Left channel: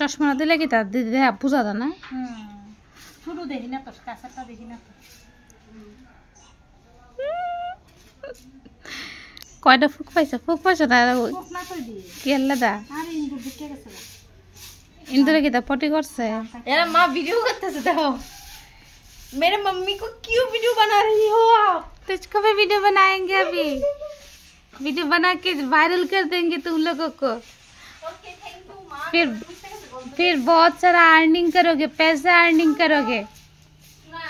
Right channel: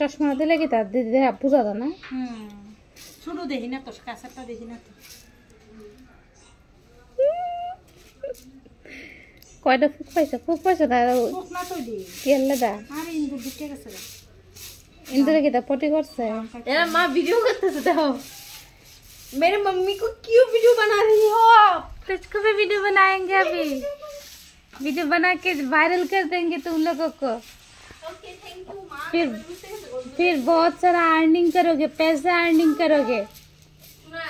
চশমা দিলে কি তার দিদি দেখা বুঝা যায় না শুরু দেখি না তো কাছেরটা দেখি না তো কয়টা ফুক পাইছো না ফুক না তো দি কেল্লা দা আরে ইন্দুর ঢুকে গেছে গা इंदुर की तो पटी कर से यार माँ वीडियो करते से देखो मेरे मम्मी को क्यों वीडियो बना रही हो आप तुझको भी वीडियो बनाएंगे अभी वीडियो बना के वायरल कर देंगे तुम लोगों को ओके थैंक यू माँ फिर बहुत सारा अर्निंग करोगे पैसा अर्निंग करोगे ना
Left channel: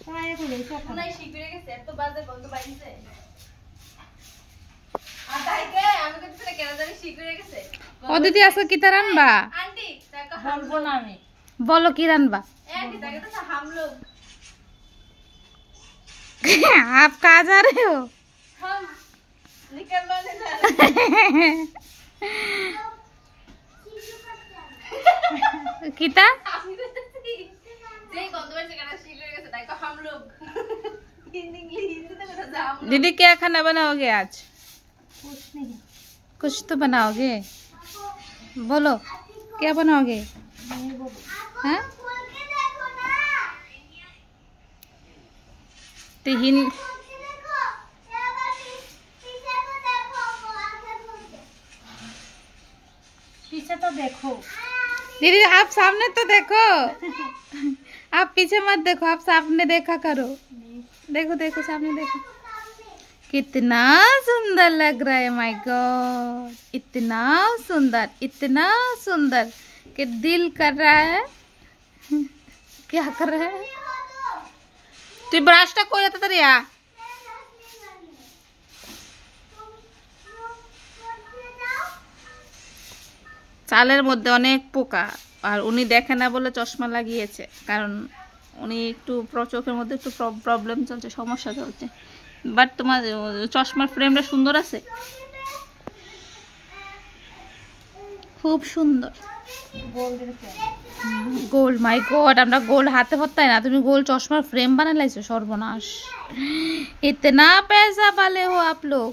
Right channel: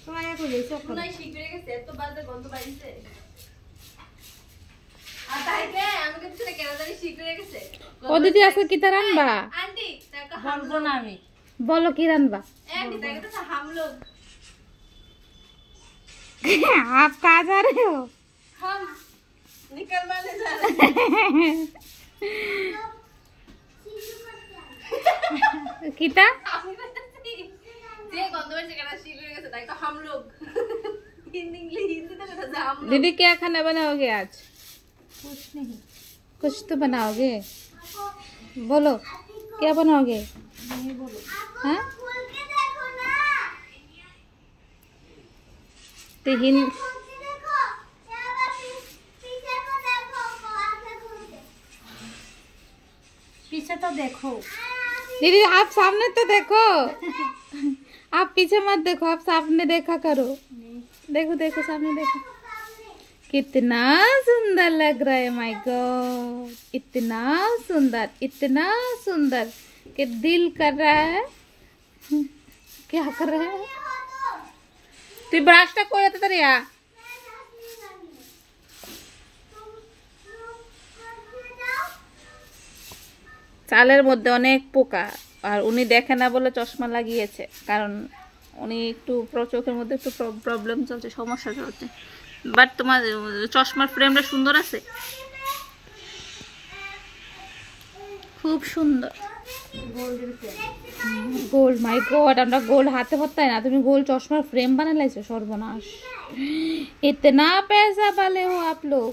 তো আয় তো যাইছো না শিখরে গেছে এত বাজে গন্ধ বাইছে আর তাই কে আমি কইতে কেন জানি শিখরে গেছে ओ दीदी आजकल कितना रानबा आंटी ताका বলবো না আমি बोलो की रानबा आंटी ताका तो हम लोग आप कहाँ जा रहे हो हम निकलवाने जा रहे किता আমি কইতেছি যে গন্ধ বাইছে কেন শিখরে গেছে তাই তো हम लोग হিন্দি তো কথা हम दीदी क्या खाना बनाओगे आज कुछ नहीं कुछ तो बनाओगे बोलो क्या बनाओगे नहीं बोलो हाँ तिहिन पीछे तो देखो दीदी आप सामने तो देखो आप पीछे मत देखो आप सामने देखा करो देखो देखो सामने देखो कितना सुंदर लग रहा है माय गॉड इतना सुंदर कि दिल कर रहा है क्या कर रहा है तू ब्रशটা কই যেতে রে চালের মধ্যে অনেক পোকা আর উনি দেখে না বলে চশমা লাগিয়েছে কারণ উনি একটু চোখের মধ্যে একটু প্রবলেম চলছে সমস্যা চলছে বাট তোমার চশমার ফ্রেমটা সুন্দর আছে খুব সুন্দর গোল্ড মাই গড আমরা গোল্ড হাতে পড়তাই না তুমি গোল্ড চশমার ফ্রেম বানাই লাইছো সর্বনাশ इतना पैसा वाले हो आप लोग